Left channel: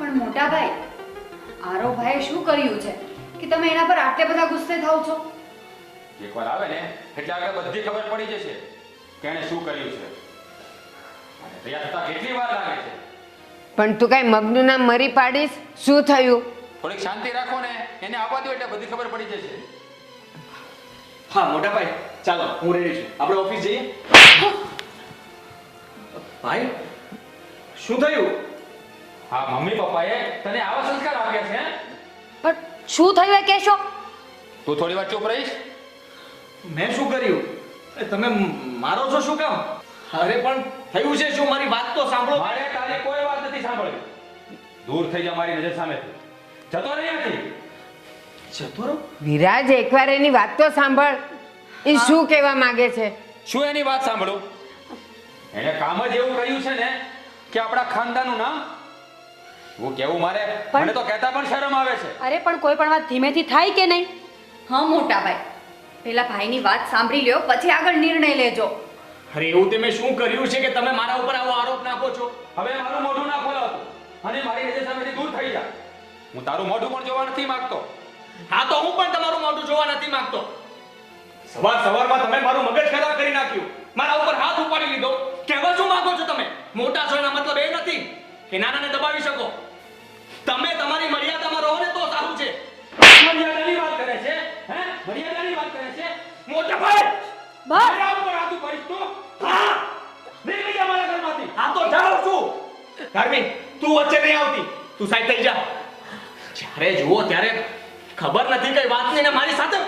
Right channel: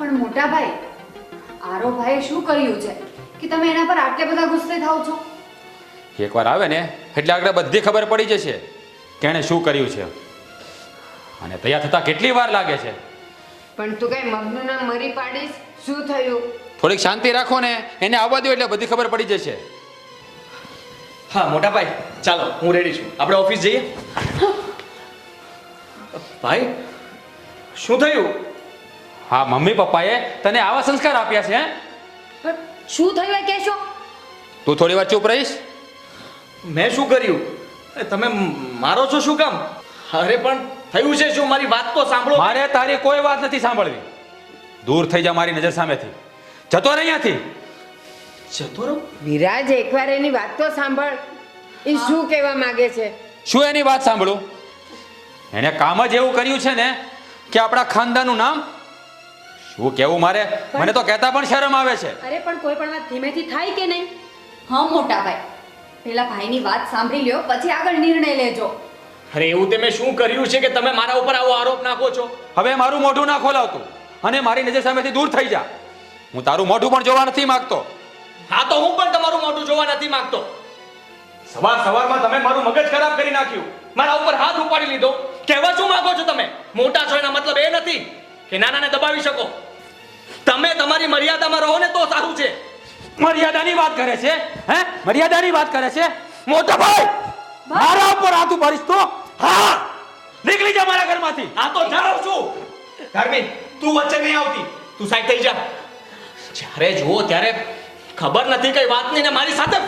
પણ મોટા ભાઈ, આરો ભાઈએ શું કર્યું છે કે તમે એના પર આટલે બધા ગુસ્સે થાવ છો? એકવાર આવે ને એટલે આગળ બધી ખબર પડી જશે કે એણે શું કર્યું છે અને તૈયાર થતા કેટલી વાર લાગે છે. પણ તું કઈ મગનું નામ મરી પાડીશ? શું થયું? થોડીક શાંતિ રાખો ને, એને આવવા દો એટલે બધી ખબર પડી જશે. હા મોટા ભાઈ, ચાલો હું રેડી છું, આપણે ઓફિસ જઈએ. ભાઈ શું થયું? હા, મમ્મી પપ્પાએ તને આવા સંસ્કાર આપ્યા છે. પણ શું થયું એ કહેશો? તું થોડી વાર ચૂપ રહીશ? મેં શું કર્યું? તમે મારો છો શું કામ? અરે પણ થયું છે શું? મારી વાત તો સાંભળો. મારે તારી કોઈ વાત નથી સાંભળવી. દૂર થઈ જા મારી નજર સામેથી. જતો રહે અહીંયાથી. જતો રહો? વિરાજ, એકવાર એની વાત તો સાંભળ. એ શું કહેવા માંગે છે? શું એની વાત સાંભળું? એને કામ જ એવું કર્યું છે ને કે આપણા ખાનદાનનું નામ શું કેવું મારે? મને તો કહેતા પણ શરમ આવે છે. અરે પણ કોઈ પણ વાત ધીમેથી થાય કે નહીં? હા મોટા ભાઈ, પેલા ભાઈની વાત સાંભળી લ્યો, પછી આગળ નિર્ણય લેજો. અરે એવું તે મેં શું કર્યું છે કે તમે મારા ઉપર આવો આરોપ નાખો છો? હવે મારું મોઢું ના ખોલાવતું અને મારી નજર સામેથી દૂર થઈ જા. હું તારું મોઢું પણ જોવા નથી માંગતો. હા તો હું પણ તમારું મોઢું જોવા નથી માંગતો. સવારમાં તમે મારું મગજ ખરાબ કરી નાખ્યું, મારા ઉપર હાથ ઉપાડી લીધો. કહેવા શું માંગો છો તમે? મોટા છો એનો મતલબ એ નથી કે નાનાને દબાવી શકો. તમે તમારી મર્યાદામાં રહો ને તો સારું છે. મર્યાદાની વાત કરે છે? હે, મર્યાદાની વાત કરે છે? મોટા ભાઈ, મારા ઉપર હાથ ઉપાડીશ તો હા, નીકળી જા મારા ઘરમાંથી. હા તો જાઉં છું. ધર્મી, તું વચ્ચે નહીં આવતી, તું સાઈડ થઈ જા. જ્યારે જુઓ ત્યારે ખબર નથી કઈ વાત નહીં ને મારી સાથે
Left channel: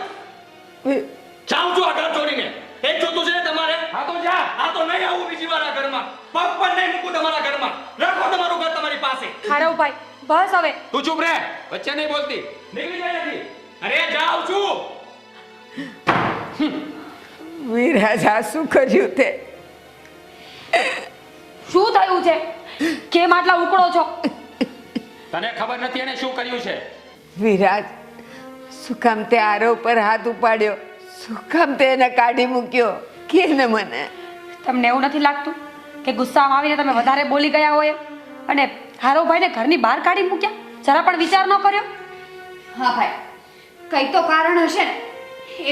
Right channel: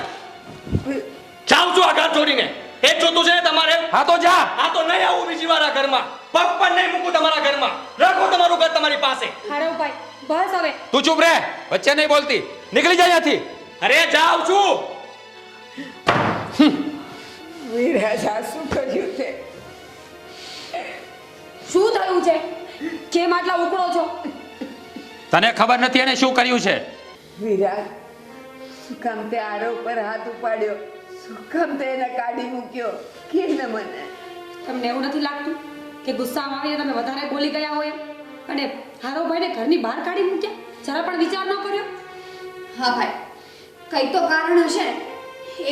જાઉં છું આઘાત જોડીને. એ જ જોતું છે ને તમારે? હા તો જા. હા તો નહીં આવું બીજી વાર આ ઘરમાં. પગ પણ નહીં મૂકું તમારા ઘરમાં. રાખો તમારું ઘર તમારી પાસે. આરો ભાઈ, બસ હવે. તું ચૂપ રહે, વચ્ચે નહીં બોલતી. નીકળી જા અહીંયાથી. અરે જાઉં છું. વિરાજ, આ શું કર્યું તે? શું થયું છે? કેમ આટલા ઉકળો છો? તને ખબર નથી એને શું કર્યું છે? વિરાજ, શું કામ તે આરો પર હાથ ઉપાડ્યો? શું કામ તે એને કાઢી મૂક્યો? કે ને મને. તમને એવું નથી લાગતું કે ગુસ્સામાં આવીને તમે વધારે બોલી ગયા હોય અને હારો ભાઈને ઘરની બહાર કાઢી મૂક્યા? જરા પણ વિચાર ન કર્યો? હા ભાઈ, કઈ તો કારણ હશે ને.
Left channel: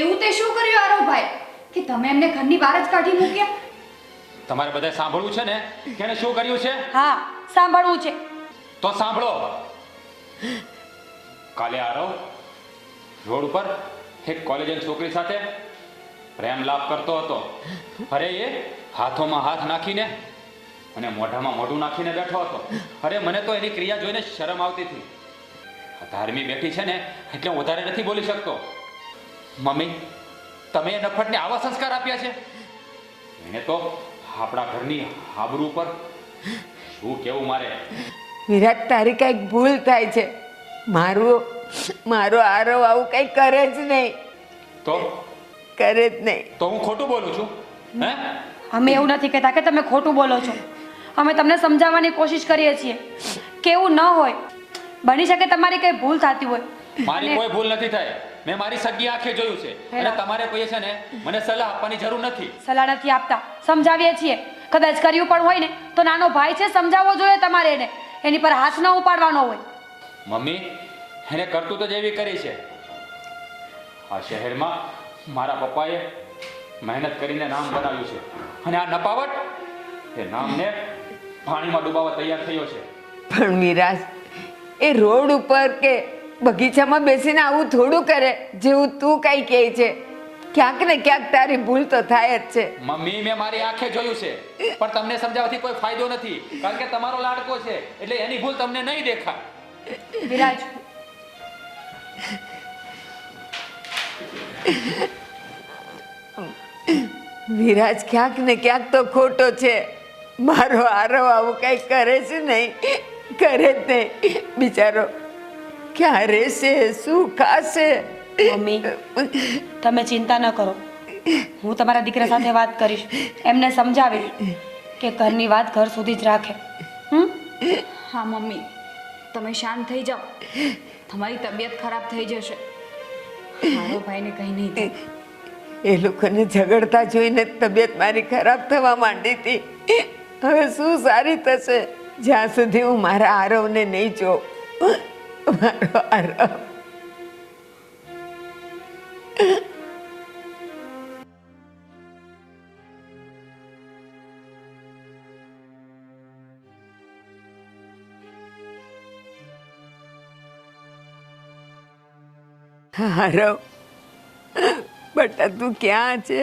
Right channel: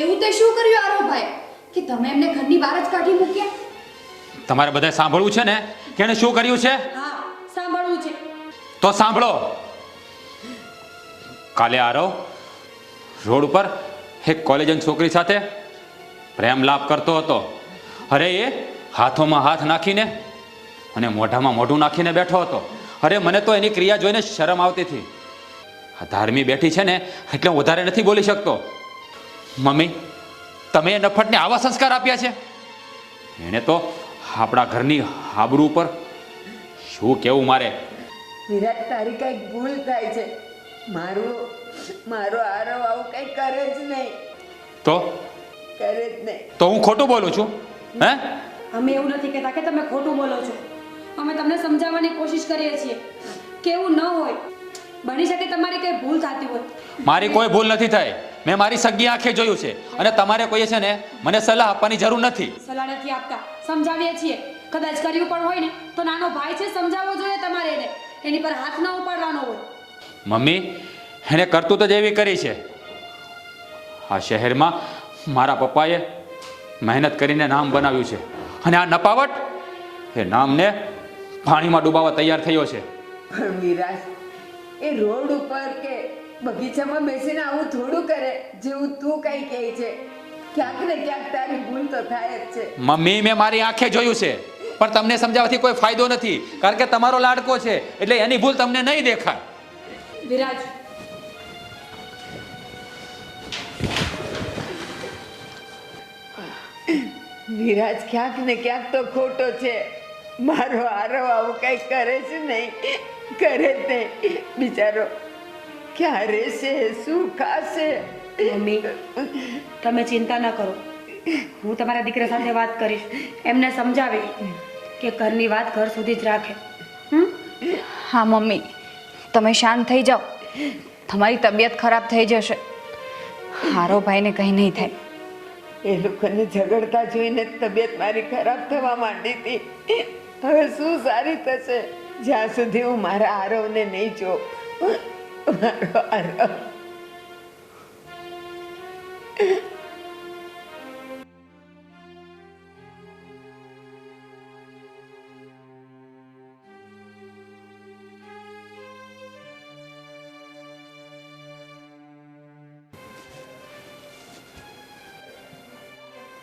એવું તે શું કર્યું હારો ભાઈ કે તમે એમને ઘરની બહાર જ કાઢી મૂક્યા? તમારે બધાએ સાંભળવું છે ને કે એને શું કર્યું છે? હા, સાંભળવું છે. તો સાંભળો. કાલે આરવ રોડ ઉપર એક કોલેજની છોકરી સાથે પ્રેમ લાપ કરતો હતો. અરે એ હાથોમાં હાથ નાખીને અને મોઢામાં મોઢું નાખીને બેઠો હતો. અરે મને તો એની ક્રિયા જોઈને શરમ આવતી હતી. આ ધાર્મી બેઠી છે ને એટલે હું વધારે નથી બોલી શકતો. મમ્મી, તમે એ નફટને આવા સંસ્કાર આપ્યા છે? એને તો આપણા ઘરની આબરૂ ઉપર શું કેવું મારે? વિરાટ, તારી કઈક ભૂલ થાય છે. મારો આરો આવું કઈ કરે જ નહીં. તો કરે જ નહીં. તો હું ખોટું બોલું છું? હે? અમે એવું નથી કહેતા કે તમે ખોટું બોલો છો. અમે તમને સમજાવવાની કોશિશ કરીએ છીએ કે એવું ન હોય. બની શકે તમારી કઈ ભૂલ થતી હોય. મારી કોઈ ભૂલ નથી થઈ. મેં મારી સગી આંખે જોયું છે અને તમારે કોઈએ છે ને મને સલાહ આપવાની જરૂર નથી. સલાહ નથી આપતા, સમજાવીએ છીએ. કદાચ કર્યું પણ હોય ને તો નાનો ભાઈ છે, સમજાવવો જોઈએ તમારે એને. એની પર હાથ ન ઉપાડવાનો હોય. મમ્મી, એને કરતૂત જ એવી કરી છે. આ શહેરમાં મારા પપ્પાએ મહેનત કરીને નામ બનાવ્યું છે અને આ નપાવટ એ નામને પાણીમાં ડૂબાવવા તૈયાર થયો છે. પણ વિરાજ, એ રોડ ઉપર કે બગીચામાં બેસીને આવું થોડું કરે જેવું તું કઈ કહે છે. ક્યાંક ને ક્યાંક તારી ભૂલ તો થાય જ છે. મમ્મી, મેં મારી આંખે જોયું છે પણ તમને સમજાવવાથી કોઈ ફાયદો નથી કારણ કે તમારો લાડકો છે એટલે એની ભૂલ તમને નહીં દેખાય. વિરાજ, વિરાજ, ક્યાંક ને ક્યાંક તો ખોટો છે. મારો આરો આવું કઈ કરે છે નહીં. કરે જ નહીં. બિચારો ક્યાં રહેશે, શું ખાશે? મમ્મી, તમે ચિંતા ન કરો. હું તમારા દીકરા સાથે વાત કરીશ, એમને સમજાવીશ કે ઘરની વાત ઘર સુધી જ રાખે. હા મમ્મી, તમે શાંત થઈ જાઓ. તમારી તબિયત ખરાબ થઈ જશે. હારો ભાઈને કંઈ નહીં થાય. એ લોકોને ઝઘડતા જોઈને તબિયત મારી ખરાબ થવા માંડી હતી. હવે શું સારી થશે? જ્યાં સુધી હું મારા આરવને નહીં જોઉં. મારો આરવ. આરવ, બટા તું ક્યાં છે?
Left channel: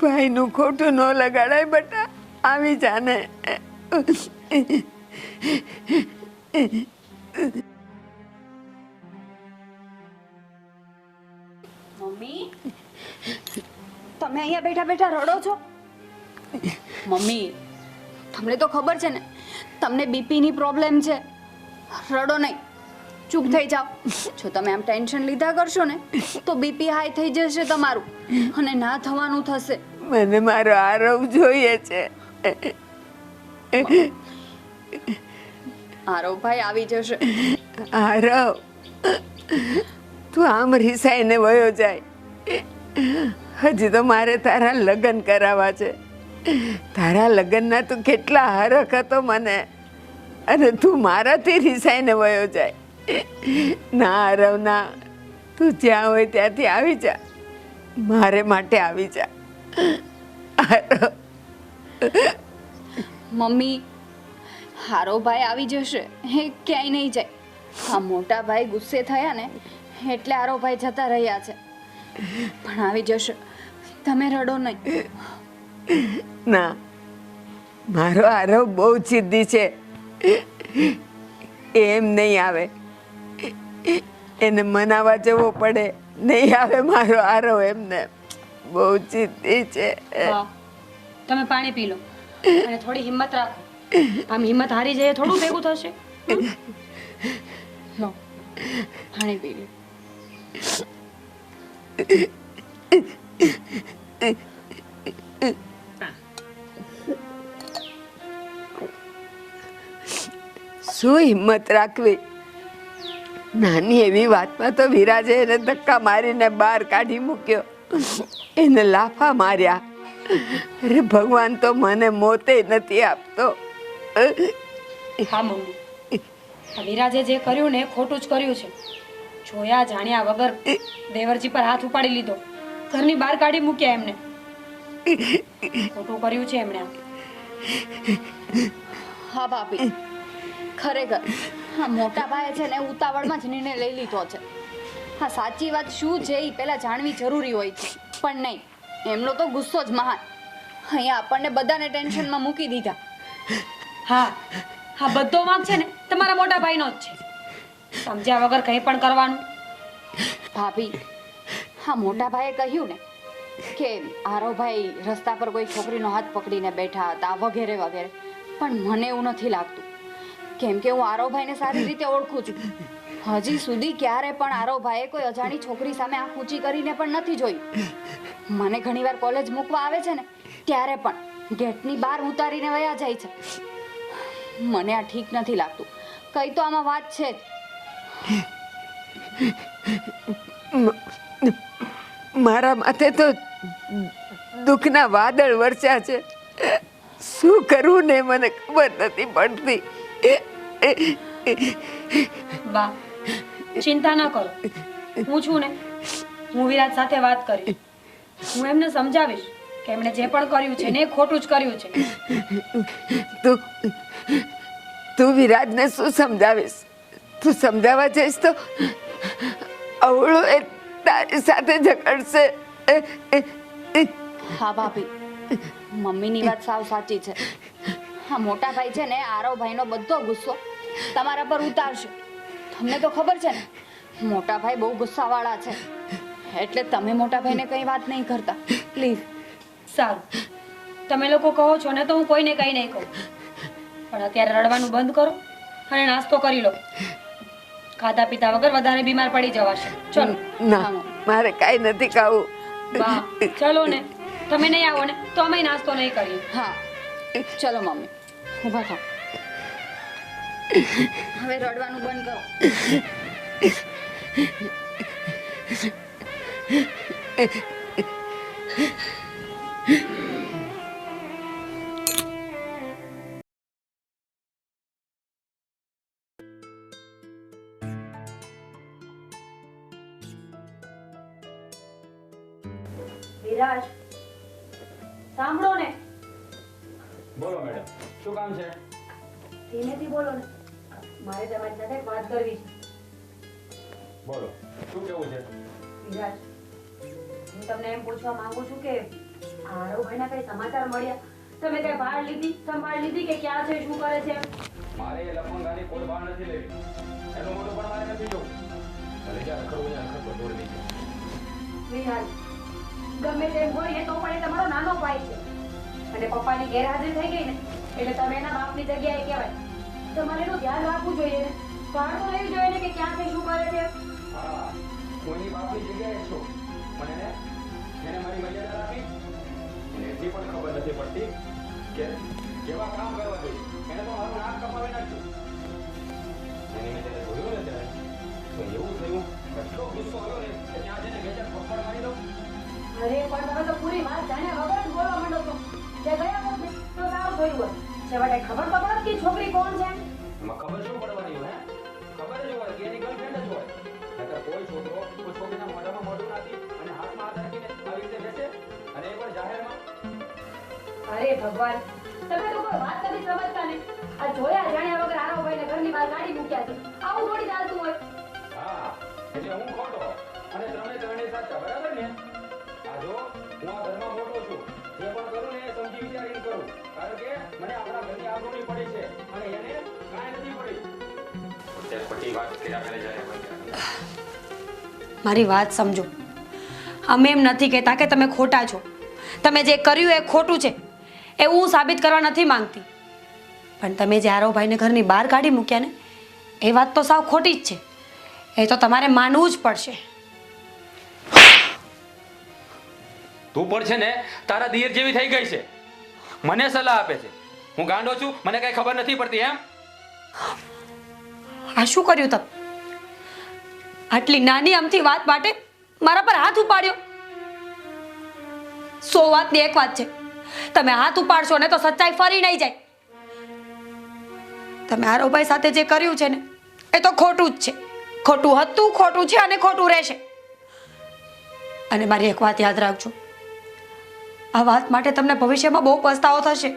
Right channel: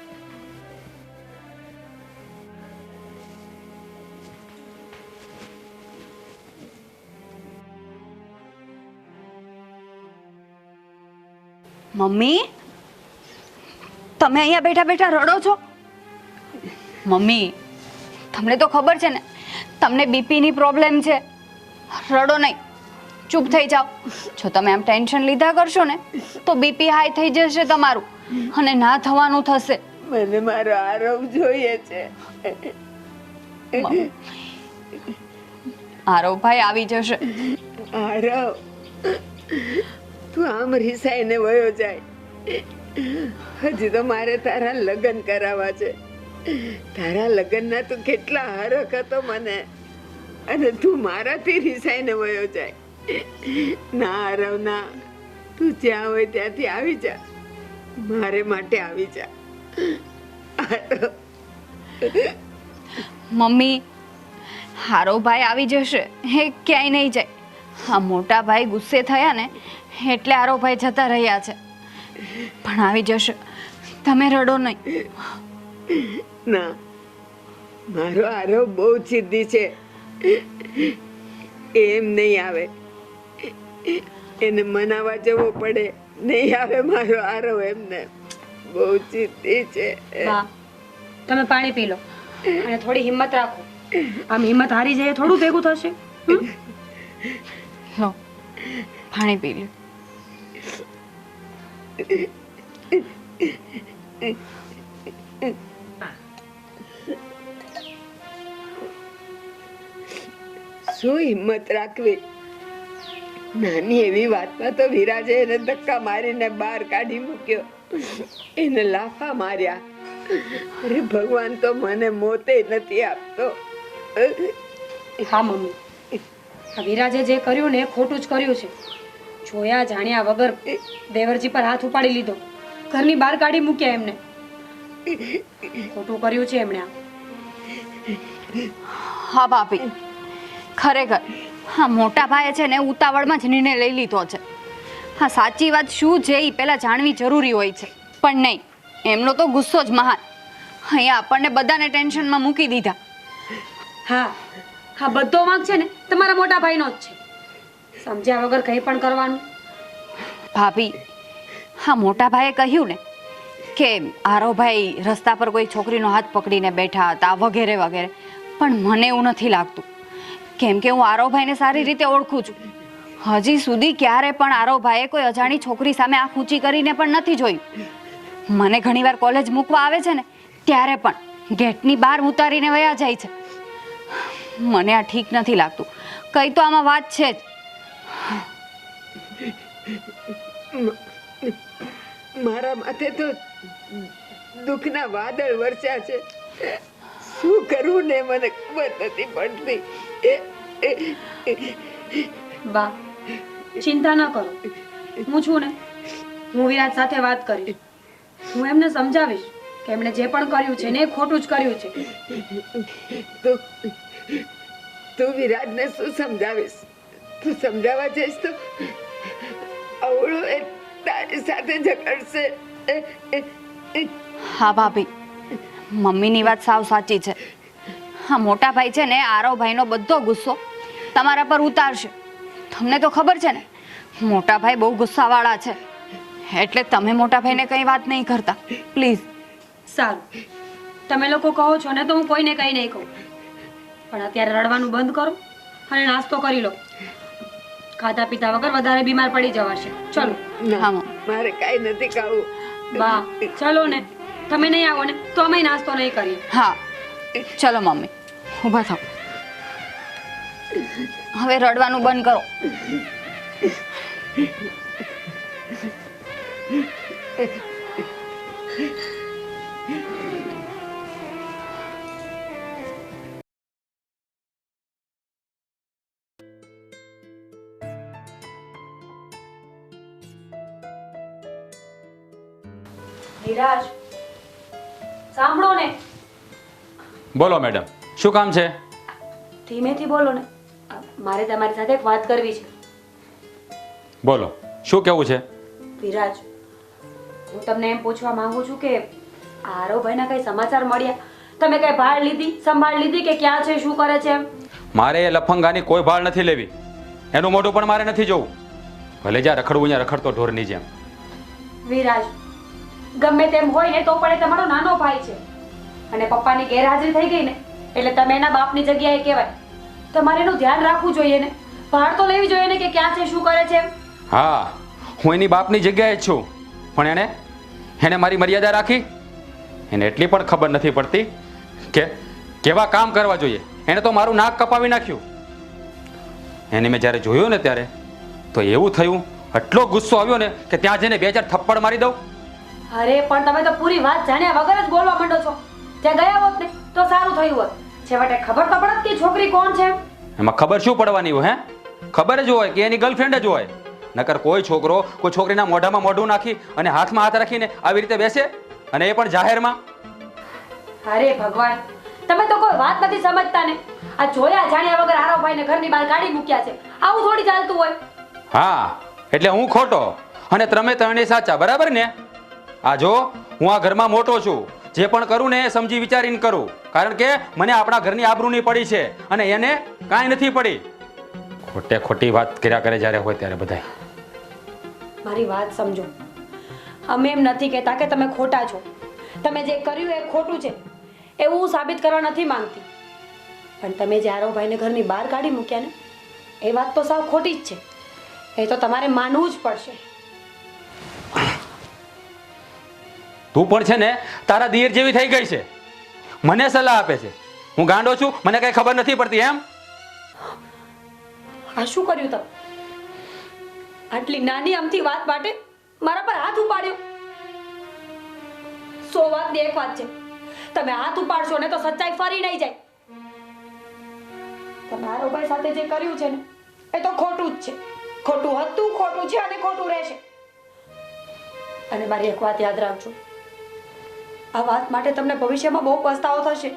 ભાઈનું ખોટું ન લગાડાય બટા, આવી જાને. મમ્મી, તમે અહીંયા બેઠા બેઠા રડો છો? મમ્મી, તમને તો ખબર છે ને તમને બીપીની પ્રોબ્લેમ છે. રડો નહીં, ચૂપ થઈ જાઓ. જો તમે આમ ટેન્શન લીધા કરશો ને તો બીપી હાઈ થઈ જશે તમારું અને ના થવાનું થશે. મને મારો આરવ જોઈએ છે. આરવભાઈ આવી જશે. આરવ, તું આમ રિસાઈને વયો જાય. હજી તો મારે તારા લગ્ન કરાવવા છે. તારા લગ્નના તું કેટલા હરખ હતો મને, અને તું મારાથી રિસાઈને વયો જાય. ના આરવ ના, તું જ્યાં હોય ત્યાંથી આવી જા. મારે માટે આવી જા. આરવ. મમ્મી, હારોભાઈ આવી જશે, હે ક્યાંય નહીં જાય. આ મોટા ભાઈ ગુસ્સે થયા ને એટલે હારોભાઈ જતા રહ્યા છે, પણ આવી જશે. તમે રડો નહીં. ના, મારો આરવ બહુ જિદ્દી છે. એમ નહીં આવે, એને મનાવા જવો પડે. નહીં આવે મારો આરવ, એમને બહુ જિદ્દી છે. હા, તમે પાણી પી લો અને થોડી હિંમત રાખો. આમ હિંમત હારી જાય થોડું ભેગું થશે. લો, પાણી પી લો. શું હિંમત રાખવી? નાની એવી વાતમાં તો વિરાજે એને ધક્કા મારીને બહાર કાઢી મૂક્યો, એને લાફા માર્યા. અરે ભગવાન તો મને મોતે નથી આપતો. હા મમ્મી, આ વિરાજે જે કર્યું ને એ ખોટું જ કર્યું છે. જોયા જાણ્યા વગર દેવરજી પર હાથ ઉપાડી લીધો, ઘરની બહાર કાઢી મૂક્યા એમને. ખોટું કર્યું છે એમણે. હા ભાભી, ખરેખર હા મોટા ભાઈએ છે ને ઉતાવળમાં જ નિર્ણય લઈ લીધો છે. હા, સાચી વાત શું છે એ પહેલાં જાણવી જરૂરી હોય છે, પણ નહીં, એમનો તો ગુસ્સો જ મહાન. અહીંયા આપણને બધાને ટેન્શનમાં મૂકી દીધા. હા હા, બધો વાંક છે ને તમારા મોટા ભાઈનો જ છે. સમજ્યા વગર કંઈ પણ કરવાનું. ભાભી, હા મોટા ભાઈએ કહ્યું ને કે આરોભાઈ રસ્તા પર કોઈ છોકરીનો હાથ પકડીને બેઠા હતા વગેરે વગેરે, પણ મને એવું નથી લાગતું, કેમ કે હું આરોભાઈને સારી રીતે ઓળખું છું. હજી સુધી ક્યારે પણ આરોભાઈએ કોઈ અજાણી છોકરી સામે આંખ ઊંચી કરીને પણ નથી જોયું. મને ઘણીવાર કોલેજ મૂકવા આવે છે ને ત્યારે પણ ગેટની બહાર ઉતારીને વયા જાય છે. મને આ ઠીક નથી લાગતું. કઈ તો આમાં વાત છે જ. મારા માથે તો દુઃખના વાદળ વરસ્યા છે. શું કરવું ને મને ખબર નથી પડતી. બા, ચિંતા ન કરો, હું છું ને. હું વિરાજ સાથે વાત કરીશ. હું એમને સમજાવીશ કે એમણે જે પણ કર્યું છે ને એ ખોટું જ કર્યું છે. તું વિરાજને શું સમજાવીશ? તું સમજાવવા જઈશ તો અવળો એ તારી સાથે ઝઘડશે. હા ભાભી, મમ્મીની વાત સાવ સાચી છે. હા મોટા ભાઈ છે ને આરોભાઈનો બધો ગુસ્સો તમારા પર ઉતારશે. તમને તો ખબર છે ને મોટા ભાઈ બહુ ગુસ્સાવાળા છે, એટલે તમે મોટા ભાઈને કંઈ વાત નહીં કરતા પ્લીઝ. સારું, તમે લોકો કહો છો ને તો હું કોઈને કંઈ નહીં કહું, પણ અત્યારે રડવાનું બંધ કરો અને નાસ્તો કરી લો. ખાધા પીતા વગર વધારે બીમાર પડી જવાશે. ચલો. ના, મારે કાંઈ નથી ખાવું. બા, ચલો ને. તમે નહીં આવો ને તો અમે નાસ્તો નહીં કરીએ. હા ચલો મમ્મી, ઊભા થાઓ. હવે રડવાનું બંધ કરો. વિરાજ સાંભળો ને, બોલો મેડમ, શું કામ છે? ધીમેથી બોલો ને. મારે તમારી સાથે એક વાત કરવી છે. બોલો, શું કહેવું છે? વિરાજ, હું તમને એમ પૂછવા માંગુ છું કે આરવભાઈના કઈ સમાચાર મળ્યા? તમે કઈ ભાળ લીધી, સંભાળ લીધી કે ક્યાં છે, શું કરે છે? મારે એ લફંગાની કોઈ ભાળ નથી લેવી. એનું મોઢું પણ મારે નથી જોવું. ભલે જ્યાં રખડવું ત્યાં રખડતો ઢોરની જેમ. વિરાજ, ગમે તેમ હોય ને તો પણ એ તમારો નાનો ભાઈ છે અને પપ્પાની ગેરહાજરી થઈ ગઈ ને એટલે તમે એના બાપની જગ્યાએ કહેવાય. તમારે એનું ધ્યાન રાખવું જોઈએ ને, ભાળ તો લેવી જોઈએ ને કે ક્યાં છે, શું કરે છે. હા, હું એની બાપની જગ્યાએ જ છું, પણ એને મારી મર્યાદા રાખી. એને એટલી પણ ખબર નથી પડતી કે કેવા કામ કરવા જોઈએ. એને તો મારું નાક કપાવી નાખ્યું. એને મેં જ્યારે જોયું ને ત્યારે તો એવું થયું, એટલો ગુસ્સો આવ્યો ને કે ત્યાં જઈને 2-4 થપ્પડ મારી દઉં. અરે પણ તમે તો પૂરી વાત જાણ્યા વગર જ બોલવા માંડો છો. ત્યાં ગયા હોત ને તો સારું થયું હોત. છેવટે ખબર તો પડત કે છોકરી કોણ છે. એમાં ખબર શું પડવાની હોય? ખબર જ હોય કે એની ગર્લફ્રેન્ડ જ હોય. નકર કોઈ છોકરો કોઈ છોકરીના મોઢામાં મોઢું નાખી અને હાથમાં હાથ રાખીને આવી રીતે બેસે, અને એ પણ જાહેરમાં. અરે ભગવાન, તમે તો કોઈ વાત નથી સમજતા ને. આ જોયા જાણ્યા વગર આરવભાઈને ઘરની બહાર કાઢી મૂક્યા છે. આવું થોડી ચાલતું હોય. હા, એટલે હું ખોટો અને તમે ત્રણેય સાચા, બરાબર ને? આ જો, હું આ ઘરમાં મોટો છું. જે પણ કરું ને એ સમજી વિચારીને કરું, કારણ કે મને આપણા ઘરની આબરૂની પડી છે અને એને કાંઈ નથી પડી. ખોટે ખોટી વાત કર્યા કરે જ્યારે હોય ત્યારે બધા. મારી વાત સમજો. અમે એમ નથી કહેતા કે તમે ખોટા છો. તમે જે કર્યું એ ખોટું છે એવું હું સાબિત કરવા નથી માંગતી, પણ તમે જે આરવભાઈને ઘરની બહાર કાઢી મૂક્યા ને એ વાત તો સાવ ખોટી જ છે. એ તો તમારે માનવું જ પડશે. તું પણ છે ને તારા દિયર જેવી થઈ ગઈ છે. મને સલાહ આપે છે. હું ગાંડો છું, મને કઈ ખબર નથી પડતી એમ? આ શું કર્યું તમે? આટલી નાની અમથી વાત માટે મારા પર હાથ ઉપાડ્યો. 100 વાતની એક વાત છે, તમે હાથ ઉપાડશો ને તો સચ્ચાઈ ફરી નહીં જાય. તમે આરોભાઈ સાથે જે કર્યું છે ને એ તો ખોટું જ છે. ખોટું હતું, ખોટું છે અને ખોટું રહેશે. અને મારી એક વાત યાદ રાખજો, આ વાત માટે તમને ભવિષ્યમાં બહુ પસ્તાવો થશે.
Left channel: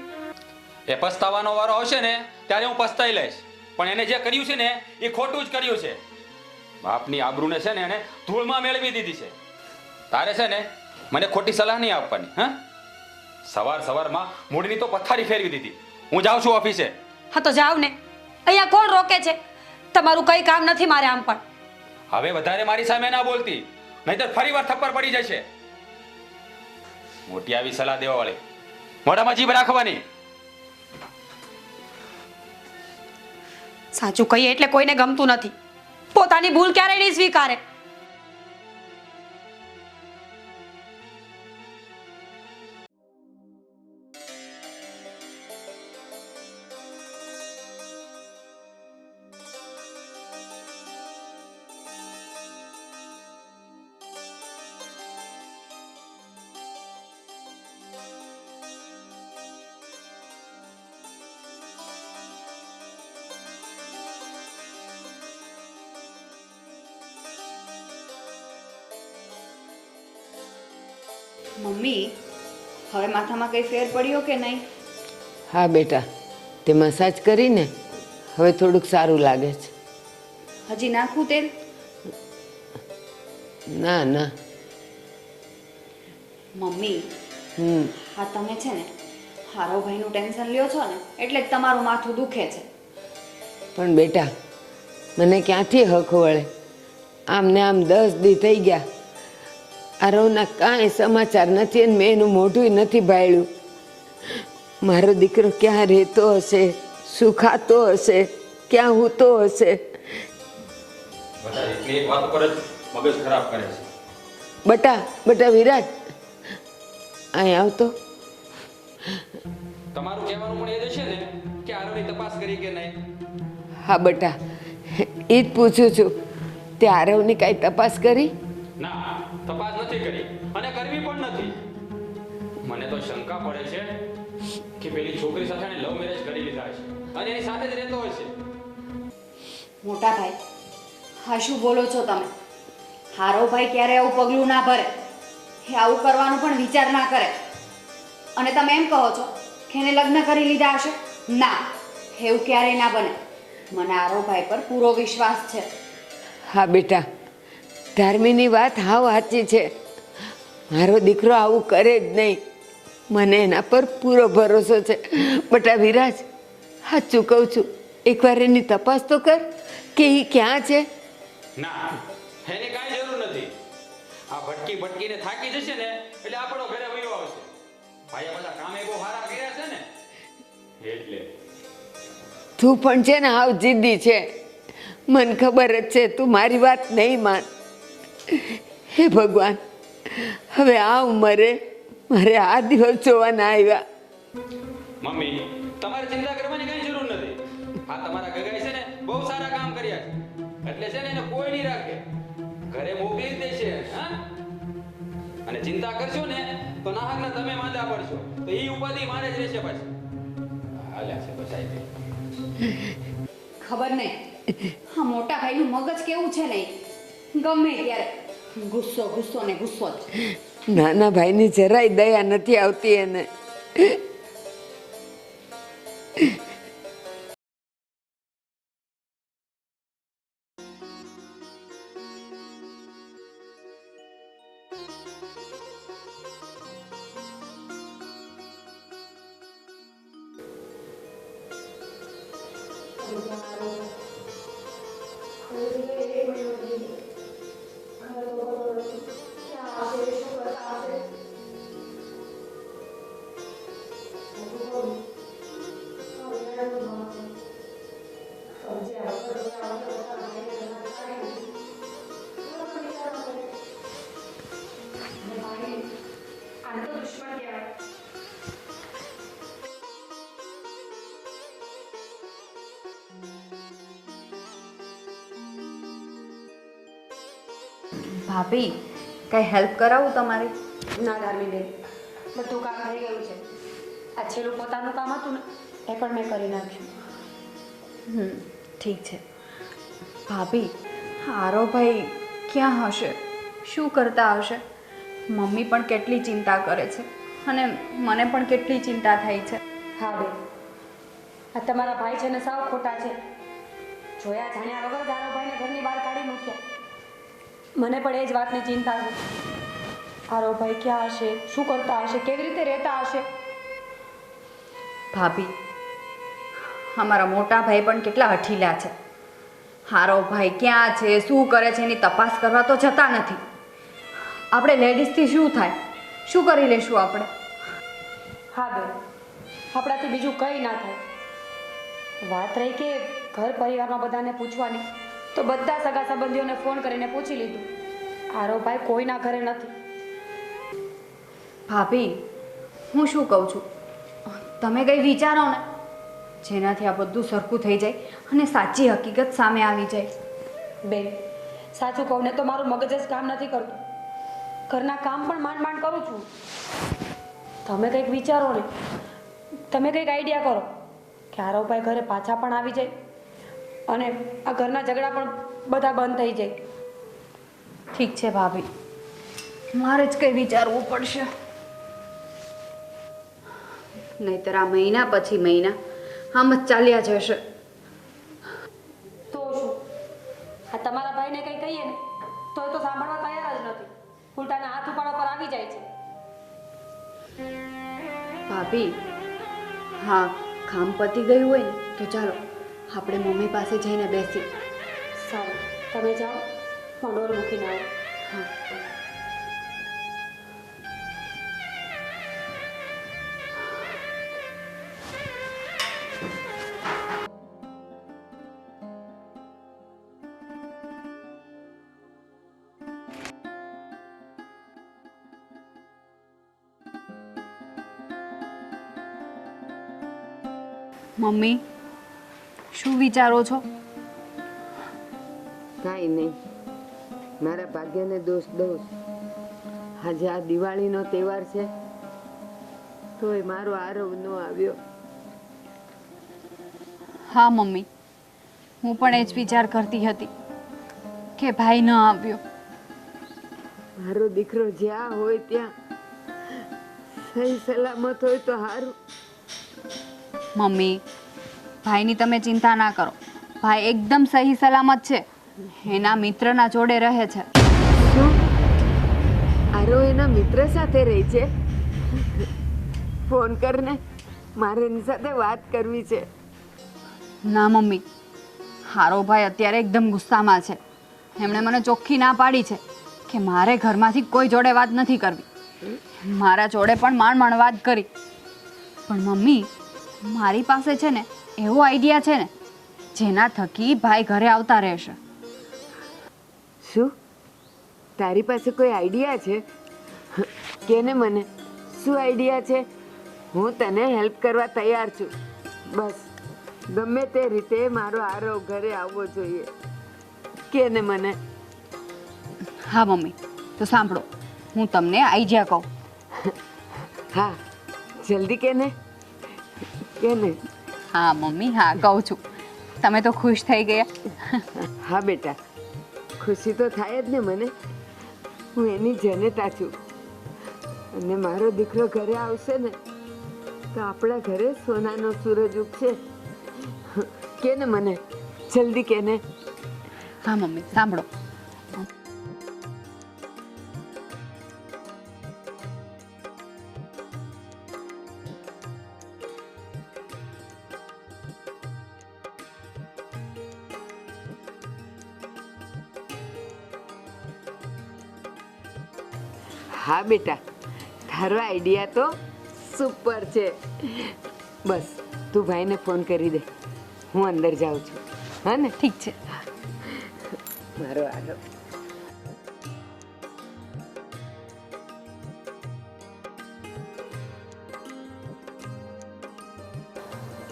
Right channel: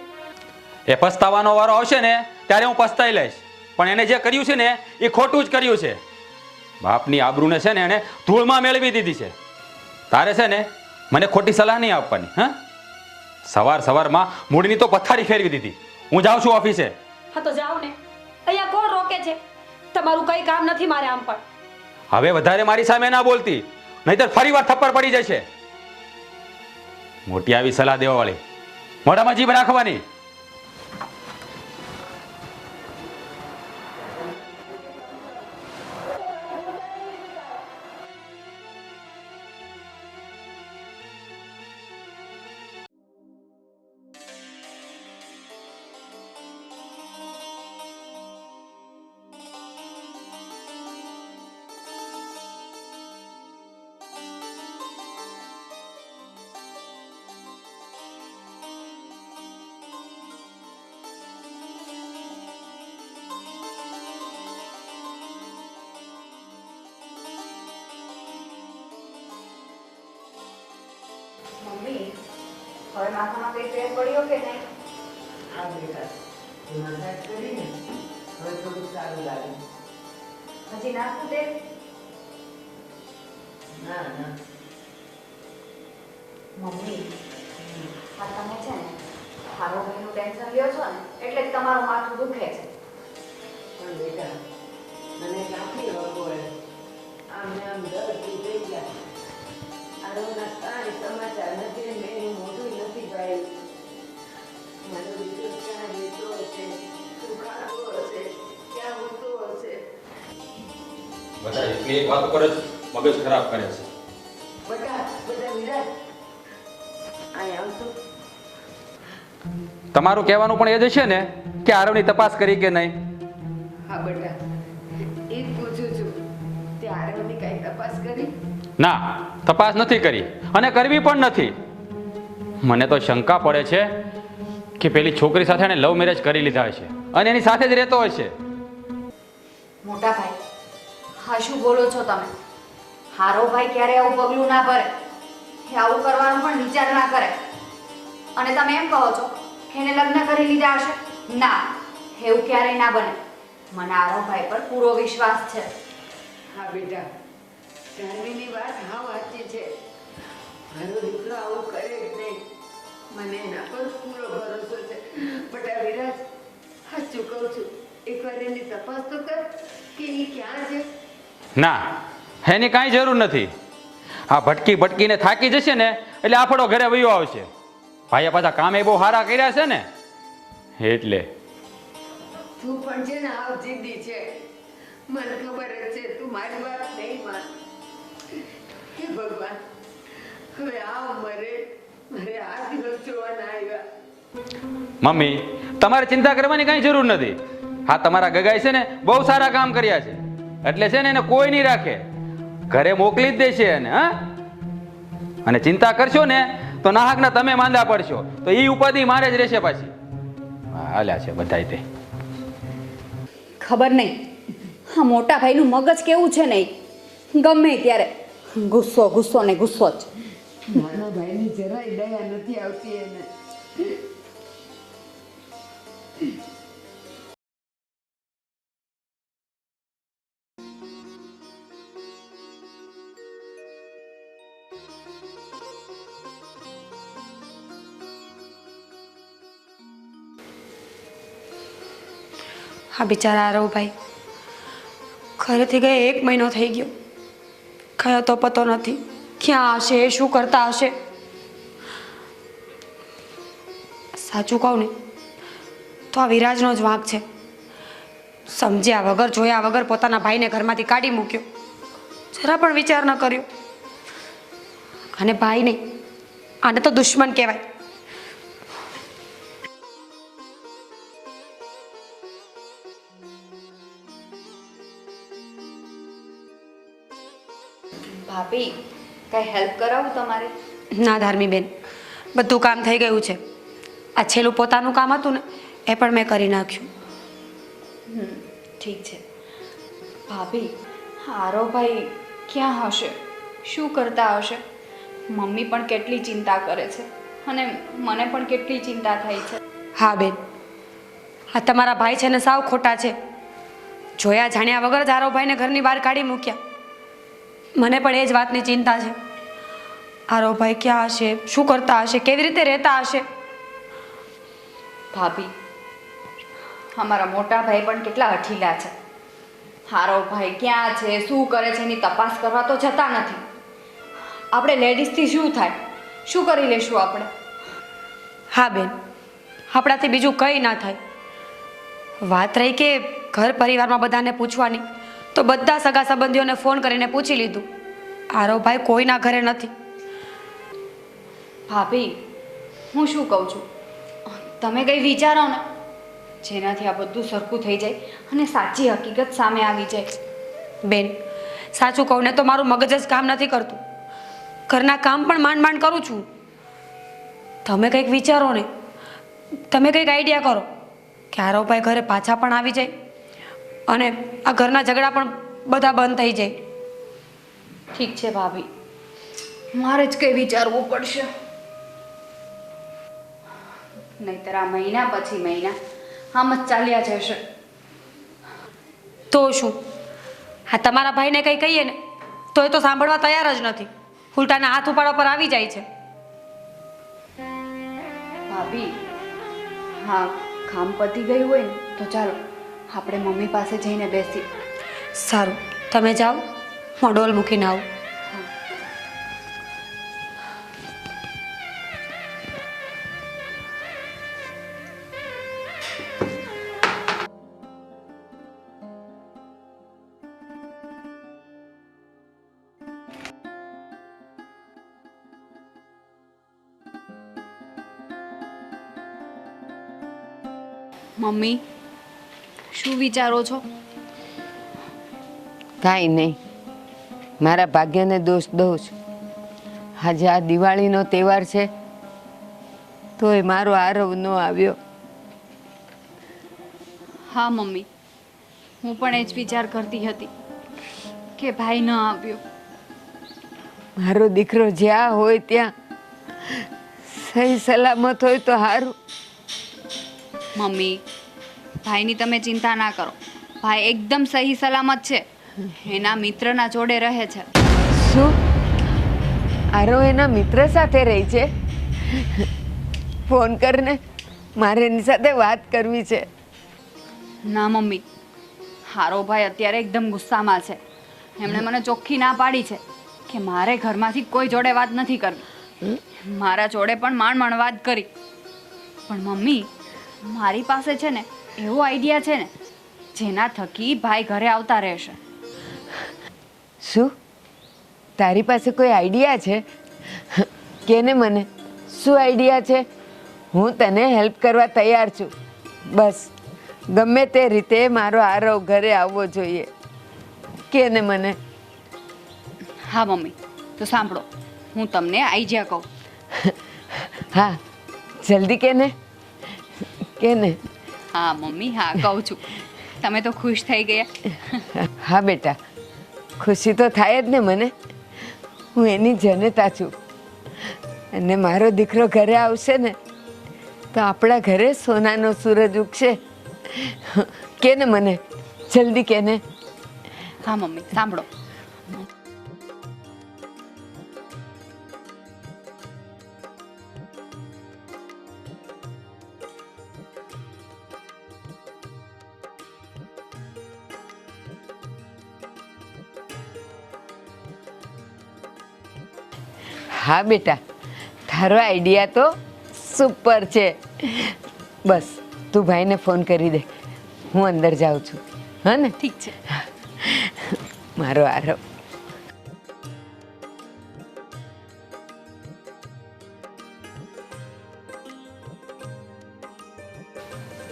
એ પસ્તાવાનો વારો આવશે ને ત્યારે હું પસ્તાઈ લઈશ, પણ એને જે કર્યું છે ને એ ખોટું જ કર્યું છે. બાપની આબરૂને છે ને એને ધૂળમાં મેળવી દીધી છે. તારે છે ને મને ખોટી સલાહ નહીં આપવાની. હા, સવારમાં મૂળની તો પથારી ફેરવી દીધી. હું જાઉં છું ઓફિસે. હા તો જાઓ ને, અહીંયા કોણ રોકે છે? તમારું કઈ કામ નથી મારે આમ પણ. હવે વધારે મારી સામે ના બોલતી, નહીતર ફરીવાર થપ્પડ પડી જશે. મોટી આવી સલાહ દેવા વાળી, મોઢામાં જીભ રાખવાની. સાચું કહીએ એટલે કોઈને ગમતું નથી. પોતાની ભૂલ ક્યારેય નહીં સ્વીકારે. મમ્મી, હવે માથામાં કઈ ફેર પડ્યો કે નહીં? હા બેટા, તે મસાજ કરીને હવે થોડુંક સારું લાગે છે. હજી નાખું તેલ? ના ના. મમ્મી, હમ આ તમે છે ને હારોભાઈનું ટેન્શન લ્યો છો ને એટલે જ તમારું માથું દુખે છે. પણ બેટા, મને ક્યાંથી હક વળે? આમ ને આમ 10 દી થઈ ગયા, આરવના કાંઈ સમાચાર નથી અને મેં એનું મોઢું નથી ભાળ્યું. મારો દીકરો ક્યાં રહેતો હશે, શું ખાતો હશે, ક્યાં હૂતો હશે? બધા એક વાત ઉપર જ મગજ ખરાબ કરે છે. બટા વિરાજ, અહીં આવતો. તમારું કહેવાનું પણ એ જ છે ને કે આરવની તપાસ કરી કે નહીં? હા બેટા, એ જ પૂછું છું. તે આરવની કાંઈ તપાસ કરી? ના, તપાસ નથી કરી અને કરવી પણ નથી. મને તો શંકા પડે છે કે પેલી છોકરી સાથે એને લવ મેરેજ કરી લીધા હશે અને એની સાથે જ રહેતો હશે. મોટા ભાઈ, હા શું બોલો છો તમે? હારોભાઈ ક્યારે આવું પગલું ના ભરે. એ આવું કરવાનો પણ વિચાર ના કરે. અને તમે એમ કહો છો કે એને લગ્ન કરી લીધા હશે? ના, એવું ક્યારેય ના બને. મને આરોભાઈ પર પૂરો વિશ્વાસ છે. હા બેટા, ધાર્મીની વાત હાવ સાચી છે. મારો દીકરો આવું કરે જ નહીં. મને એના પર પૂરો ભરોસો છે. બટા વિરાજ, સાચું કહું છું, એકવાર એની તપાસ તો કર કે એ ક્યાં છે. ના, એની કાંઈ જરૂર નથી. આ ભટકી ભટકીને થાકી જશે ને એટલે આપણો ઘરે વયો આવશે. ભાઈએ પાછા કામે બહુ સારા કર્યા છે ને એટલે. તું પણ છે ને હાવ જિદ્દી છે. મને ખબર જ છે તું મારી વાત નહીં માન. હે ભગવાન, હવે આ ઉંમરે મારે આ દિવસ જોવાના આવ્યા. મમ્મી, તમારે ચિંતા કરવાની કાંઈ જરૂર નથી. હા, તમારા ગગાઈ છે ને બહુ સારા કામ કર્યા છે એટલે છે ને એને કોઈ નહીં રાખે, ઘરે મોકલી જ દેશે એને. હા, અને ચિંતા કરશો ને તો નાહકના તમે માંદા પડશો તો એ ઉપાધિ મારે જ રહેશે પાછી. હાલ્યા છે બધાય તે. ખબર નહીં આ મોટા ભાઈનું મગજ કેવું છે નહીં, ગમે ત્યારે ગુસ્સો ગુસ્સો ને ગુસ્સો જ. નાના ભાઈની જરાય દયા નથી આવતી એને. હા બિચારા આરવભાઈ ઘરેથી ગયા 1 મહિનો થઈ ગયો, કયો તો પતો નથી ક્યાં હશે, શું કરતા હશે. સાચું કહું ને તો આ વિરાજનો જ વાંક છે. સમજ્યા વગર જોયા વગર પોતાના ભાઈને ઘરમાંથી કાઢી મૂક્યો, જરા પણ વિચાર ન કર્યો. અને ભાઈ નહીં, આને તો દુશ્મન કહેવાય. ભાભી, કઈ હેલ્પ કરાવું તમારી? ના ધાર્મીબેન, બધું કામ થઈ ગયું છે. આ છેલ્લું પોતાનું કામ હતું ને એ પણ મેં કરી નાખ્યું. ઠીક છે. ભાભી, આરોભાઈ ક્યાં હશે? શું કરતા હશે? મમ્મી પણ કેટલી ચિંતા કરે છે અને મને પણ કેટલી ચિંતા થાય છે. હા બેન, આ તમારા ભાઈ છે ને સાવ ખોટા છે. જોયા જાણ્યા વગર જ આરોભાઈને ઘરની બહાર કાઢી મૂક્યા. મને પણ એ જ વાતની ચિંતા છે. આરોભાઈ ક્યાં હશે, શું કરતા હશે, કેવી રીતે રહેતા હશે. ભાભી, અમારા મોટા ભાઈ પણ કેટલા હઠીલા છે. આરોભાઈ ક્યાં છે, શું કરે છે એની તપાસ કરવા તો જતા નથી. આપણે લેડીઝથી શું થાય, શું કરી લેશું આપણે? હા બેન, આપણાથી બીજું કંઈ ના થાય. વાત રહી કે ઘર પરિવારમાં બધાને પૂછવાની, તો બધા સગા સંબંધીઓને ફોન કરીને પૂછી લીધું. આરોભાઈ કોઈના ઘરે નથી. ભાભી, હું શું કહું છું, તમે કંઈ વિચારો ને જેનાથી આ બધું સરખું થઈ જાય અને સાચી હકીકત સામે આવી જાય. બેન, સાચું કહું ને તો મારું મગજ જ કામ નથી કરતું. ઘરના કામ પણ માંડ માંડ કરું છું. તમે કંઈક વિચારો ને, તમે કંઈક આઈડિયા કરો કે આરોભાઈ ઘરે પાછા પણ આવી જાય અને આ ઘરના ઝઘડા પણ બધા બંધ થઈ જાય. ઠીક છે ભાભી, મારે જ કંઈ વિચારવું પડશે, નહીતર આ મહિના પછી મહિના આમ જ ચાલ્યા જશે. તો શું, હા તમારા ભાઈને કંઈ કહીએ ને તો એ તો સાંભળવા તૈયાર જ નથી, ઉલટાના હાથ ઉપાડવા પર આવી જાય છે. ભાભી, હા, કામ પતી ગયું હોય ને તો ચાલો આપણે મમ્મી પાસે જઈને બેસીએ. સારું, તમે જાઓ, હું ડોલ મૂકીને આવું. મમ્મી, શું વિચારો છો? કાંઈ નહીં, મારા ભાગ્યને દોષ દઉં છું. આજે આ દિવાળીનો તહેવાર છે તોય મારો આરવ ન આવ્યો. હા મમ્મી, હું પણ એ જ વિચાર કરતી હતી કે ભાઈ ન આવ્યો. મારો દીકરો જ્યાં હોય ત્યાં સહી સલામત હોય તો સારું. મમ્મી ભાઈની તમે ચિંતા ના કરો. ભાઈ એકદમ સહી સલામત છે. એના મિત્રના જોડે રહે છે. શું આરો એના મિત્ર સાથે રહી છે? ફોન કરને, મારે એની સાથે વાત કરવી છે. ના મમ્મી, હારો ભાઈ અત્યારે એકદમ ગુસ્સામાં છે. એમણે મને ચોખ્ખી ના પાડી છે કે મારે ઘરમાંથી કોઈ જોડે વાત નથી કરવી. મારા જોડે પણ માંડ વાત કરી. પણ મમ્મી, મારી પાસે છે ને એવો આઈડિયા છે ને જેના થકી ભાઈ ઘરે આવતા રહેશે. શું તારી પાસે કોઈ આઈડિયા છે? કેને મને, શું આઈડિયા છે? હું તને હેલ્પ કરવા તૈયાર છું. બસ ગમે તે રીતે મારો આરવ ઘરે આવવો જોઈએ. કેને મને. હા મમ્મી, તો સાંભળો, હું તમને આઈડિયા કહું. હા જલ્દી કેને. કેને. હા મમ્મી, હા કહું છું. તમે તો ખુશ થઈ ગયા. હા બેટા, ખુશી તો થાય જ ને મને. હું એની જનતા છું. અને મારો દીકરો ઘરે આવશે ને તો આપણા ઘરે સોનાનો સૂરજ ઉગશે. કેને મને, જલ્દી કેને. હા મમ્મી, સાંભળો. હા બેટા, તારો આઈડિયા તો સુપર છે. બસ તું ભાઈને ફોન કરી દે, હું અંદર જાઉં છું. હા ને? ઠીક છે. મારો આરવ.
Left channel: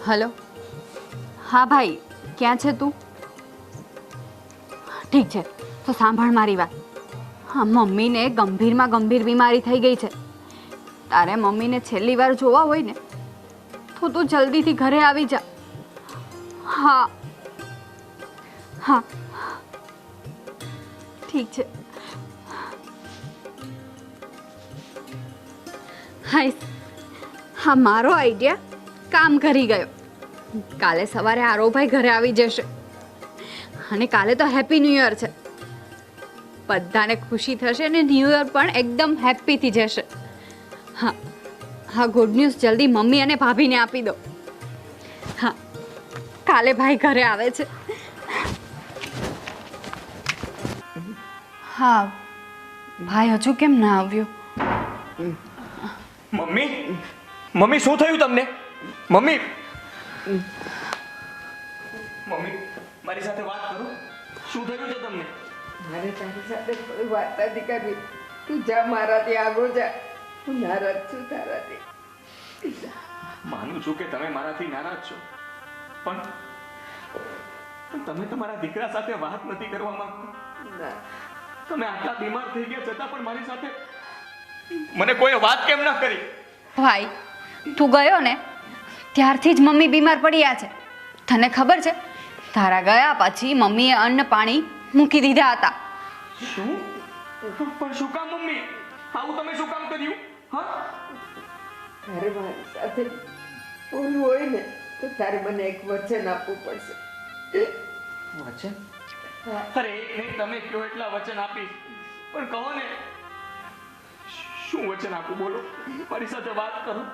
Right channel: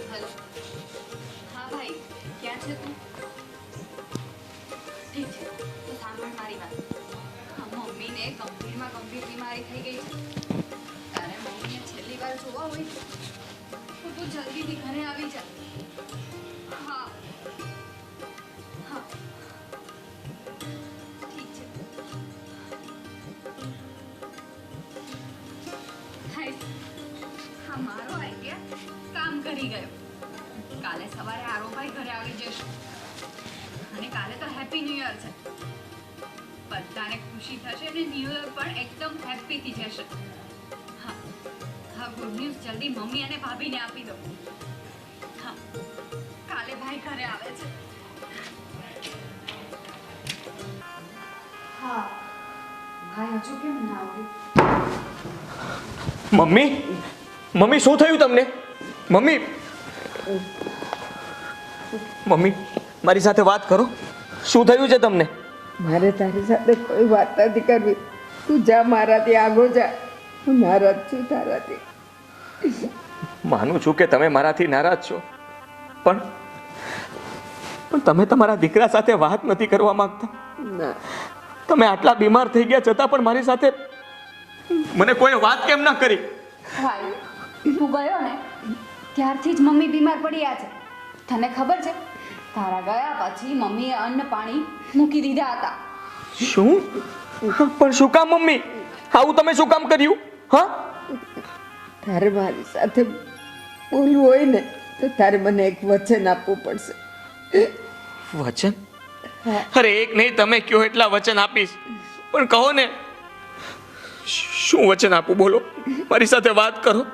હલો. હા ભાઈ, ક્યાં છે તું? ઠીક છે, તો સાંભળ મારી વાત. હા, મમ્મીને ગંભીરમાં ગંભીર બીમારી થઈ ગઈ છે. તારે મમ્મીને છેલ્લી વાર જોવા હોય ને તો તું જલ્દીથી ઘરે આવી જા. હા હા ઠીક છે. હાય, હા મારો આઈડિયા કામ કરી ગયો. કાલે સવારે આરોભાઈ ઘરે આવી જશે અને કાલે તો હેપી ન્યૂ યર છે. બધાને ખુશી થશે અને ન્યૂ યર પણ એકદમ હેપીથી જશે. હા હા, ગુડ ન્યૂઝ જલ્દી મમ્મી અને ભાભીને આપી દો. હા, કાલે ભાઈ ઘરે આવે છે. હા, ભાઈ હજુ કેમ ના આવ્યો? મમ્મી, મમ્મી શું થયું તમને? મમ્મી, મમ્મી મારી સાથે વાત કરો. શું થયું છે તમને? મારે તારી સાથે કોઈ વાત નથી કરવી. તું જા, મારાથી આગો જા. હું નારાજ છું તારાથી. માનું છું કે તમે મારાથી નારાજ છો, પણ તમે તમારા દીકરા સાથે વાત નથી કરવા માંગતા. ના, તમે આટલા બીમાર થઈ ગયા છતાં પણ મારી સાથે મને કોઈ વાત કેમ ના કરી? ભાઈ, તું ગયો ને ત્યારથી જ મમ્મી બીમાર પડ્યા છે. તને ખબર છે, તારા ગયા પછી મમ્મીએ અન્ન પાણી મૂકી દીધા હતા. શું? પણ શું કામ મમ્મી? આવું તમે શું કામ કર્યું? હા, તારે મારી સાથે બોલવું હોય ને તો તારે મને એક વચન આપવું પડશે. વચન? અરે એક નહીં, તમે કયો એટલા વચન આપીશ, પણ કહો ને શું વચન આપું? બોલો, મારી સાથે વાત કરો.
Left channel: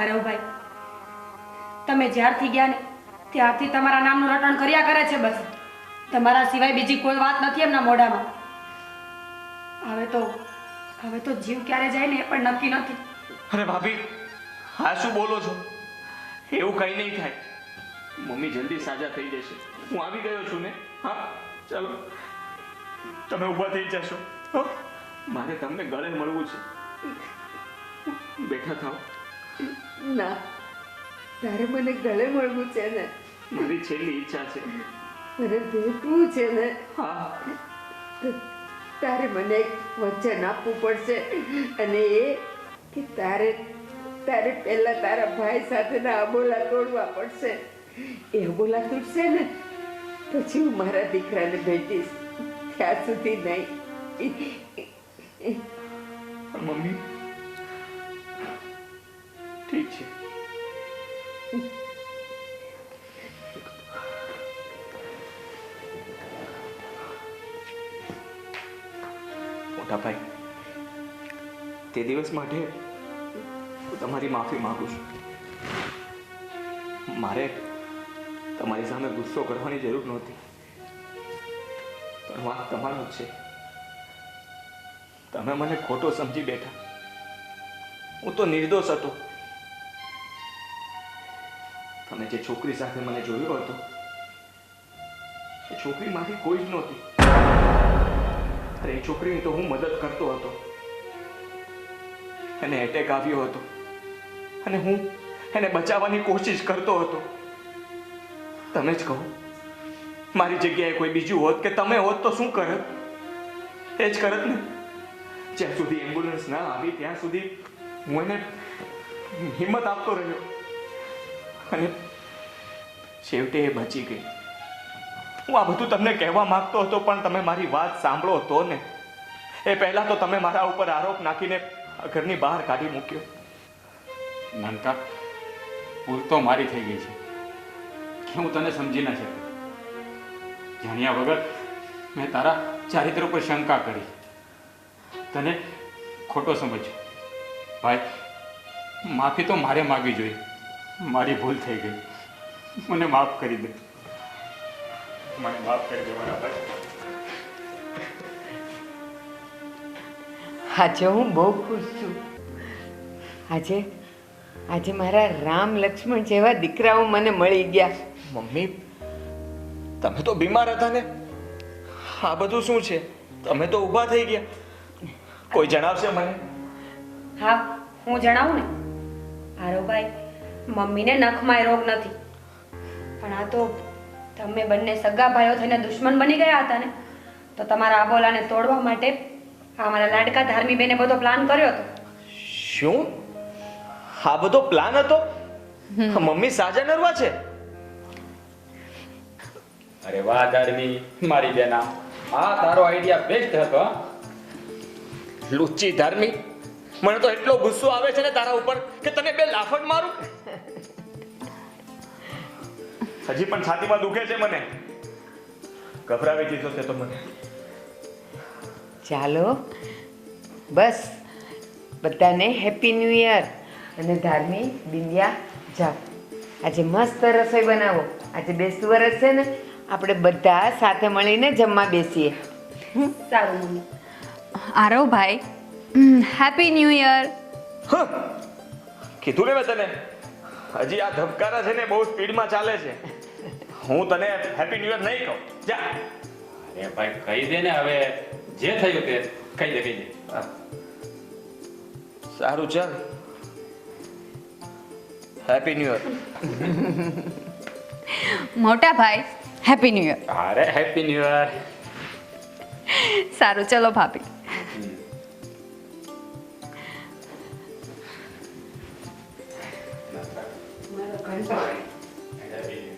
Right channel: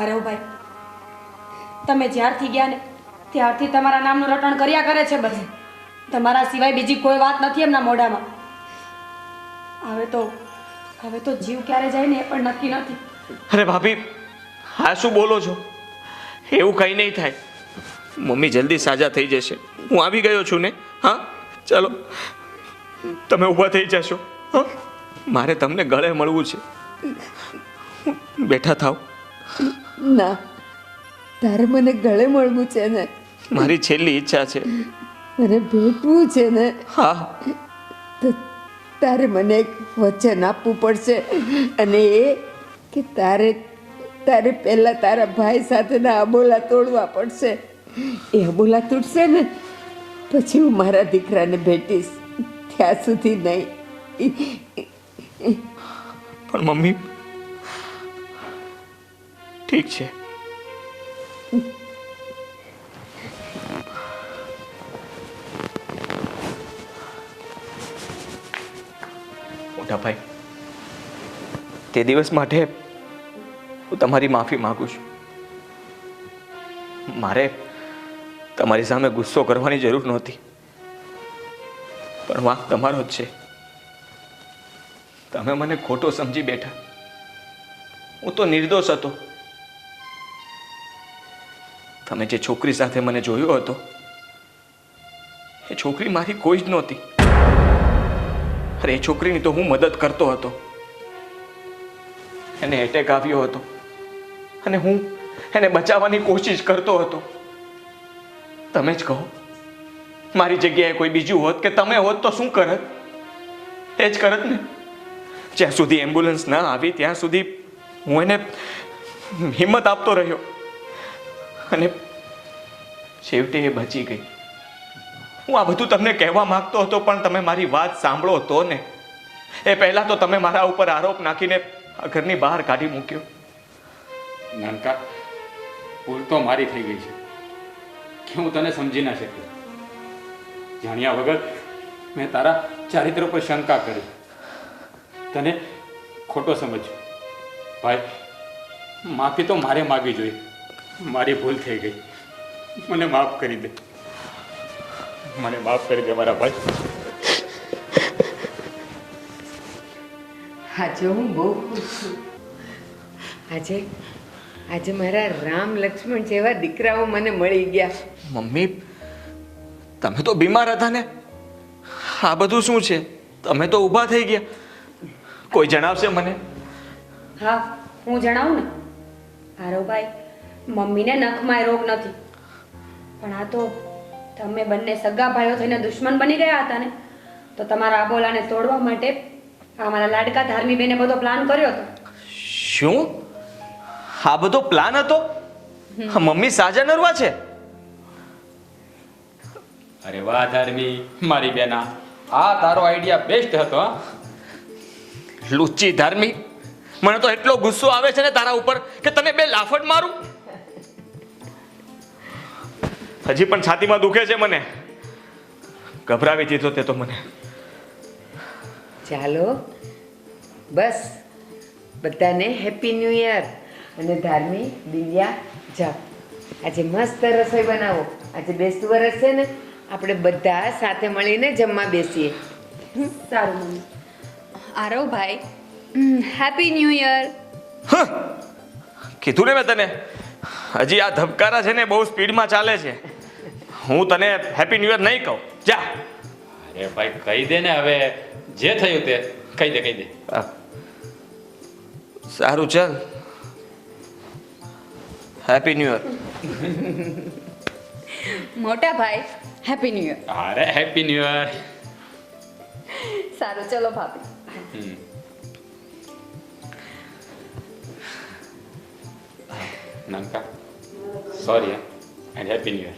આરવભાઈ, તમે જ્યારથી ગયા ને ત્યારથી તમારા નામનું રટણ કર્યા કરે છે બધે. તમારા સિવાય બીજી કોઈ વાત નથી એમના મોઢામાં. હવે તો જીવ ક્યારે જાય ને એ પણ નક્કી નથી. અરે ભાભી, હા શું બોલો છો? એવું કંઈ નહીં થાય. મમ્મી જલ્દી સાજા થઈ જશે. હું આવી ગયો છું ને. હા ચાલો, તમે ઊભા થઈ જશો. હા, મારે તમને ગળે મળવું છે. બેઠા થાવ. ના, તારે મને ગળે મળવું છે ને? મારી છેલ્લી ઈચ્છા છે. મને ભેટવું છે ને? હા. તો તારે મને એક વચન આપવું પડશે, અને એ કે તારે પહેલા તારા ભાઈ સાથેના અબોલા તોડવા પડશે. એ અબોલા તૂટશે ને પછી હું મારા દીકરાને ભેટીશ. ત્યાં સુધી નહીં. પણ મમ્મી ઠીક છે. મોટા ભાઈ, તે દિવસ માટે હું તમારી માફી માંગુ છું. મારે તમારી સામે ગુસ્સો કરવાની જરૂર નહોતી, પણ વાંક તમારો જ છે. તમે મને ખોટો સમજી બેઠા. હું તો નિર્દોષ હતો. તમે જે છોકરી સાથે મને જોયો હતો એ છોકરી મારી કોઈ જ નહોતી. અરે એ છોકરીની તો હું મદદ કરતો હતો. એને એટેક આવ્યો હતો અને હું એને બચાવવાની કોશિશ કરતો હતો. તમે જ કહો, મારી જગ્યાએ કોઈ બીજું હોત કે તમે હોત તો શું કરત? એ જ કરત ને. જ્યાં સુધી એમ્બ્યુલન્સ ના આવી ત્યાં સુધી હું એને હિંમત આપતો રહ્યો અને છેવટે એ બચી ગઈ. હું આ બધું તમને કહેવા માંગતો હતો પણ તમે મારી વાત સાંભળો તો ને. એ પહેલા તો તમે મારા ઉપર આરોપ નાખીને આ ઘરની બહાર કાઢી મૂક્યો. નાનકા, ભૂલ તો મારી થઈ ગઈ છે કે હું તને સમજી ના શક્યો. જાણ્યા વગર મેં તારા ચારિત્ર ઉપર શંકા કરી, તને ખોટો સમજ્યો. ભાઈ, માફી તો મારે માગવી જોઈએ. મારી ભૂલ થઈ ગઈ, મને માફ કરી દે. મને માફ કરી દે મારા ભાઈ. આજે હું બહુ ખુશ છું. આજે મારા રામ લક્ષ્મણ જેવા દીકરાઓ મને મળી ગયા. મમ્મી, તમે તો બીમાર હતા ને. આ બધું શું છે? તમે તો ઊભા થઈ ગયા. કોઈ જણાવશે મને? હા, હું જણાવું ને. આરોભાઈ, મમ્મીને નખમાં રોગ નથી, પણ આ તો તમે બંને સગા ભાઈઓ થઈને દુશ્મન બની ગયા હતા ને, તો તમારા આબોલાને તોડવા માટે આ મારા લાડકા ધાર્મીબેને બધો પ્લાન કર્યો હતો. શું? આ બધો પ્લાન હતો? મમ્મી સાજા નરવા છે. અરે વાહ ધર્મી, મારી બેના, આ તારો આઈડિયા બેસ્ટ હતો. હા, લુચ્ચી ધર્મી, મને તો એટલો ગુસ્સો આવે છે ને તારા ઉપર કે તને બે લાફટ મારું. હજી પણ છાતીમાં દુખે છે મને. ગભરાવી દીધો તે તો મને. ચાલો બસ, બધાને હેપી ન્યૂ યર. અને ધાર્મી, દિવ્યા, જાઓ આજે મસ્ત રસોઈ બનાવો. આજે બેસતું વરસ છે ને, આપણે બધા સાથે મળીને જમવા બેસીએ. સારું મમ્મી. આરવભાઈ, હેપી ન્યૂ યર. કીધું ને મેં તને, હજી આ ધબકારા છે ને બહુ સ્પીડમાં ચાલે છે. હું તને હેપી ન્યૂ યર નહીં કહું. જા. અરે ભાઈ, કહી દે ને હવે. જે થયું તે કહી દે, કહી દે. સારું, ચાલ. Happy new year. મોટા ભાઈ, હેપી ન્યૂ યર. અરે હેપી ન્યુ યર. સારું, ચલો ભાભી. નાનકા, sorry and happy new year.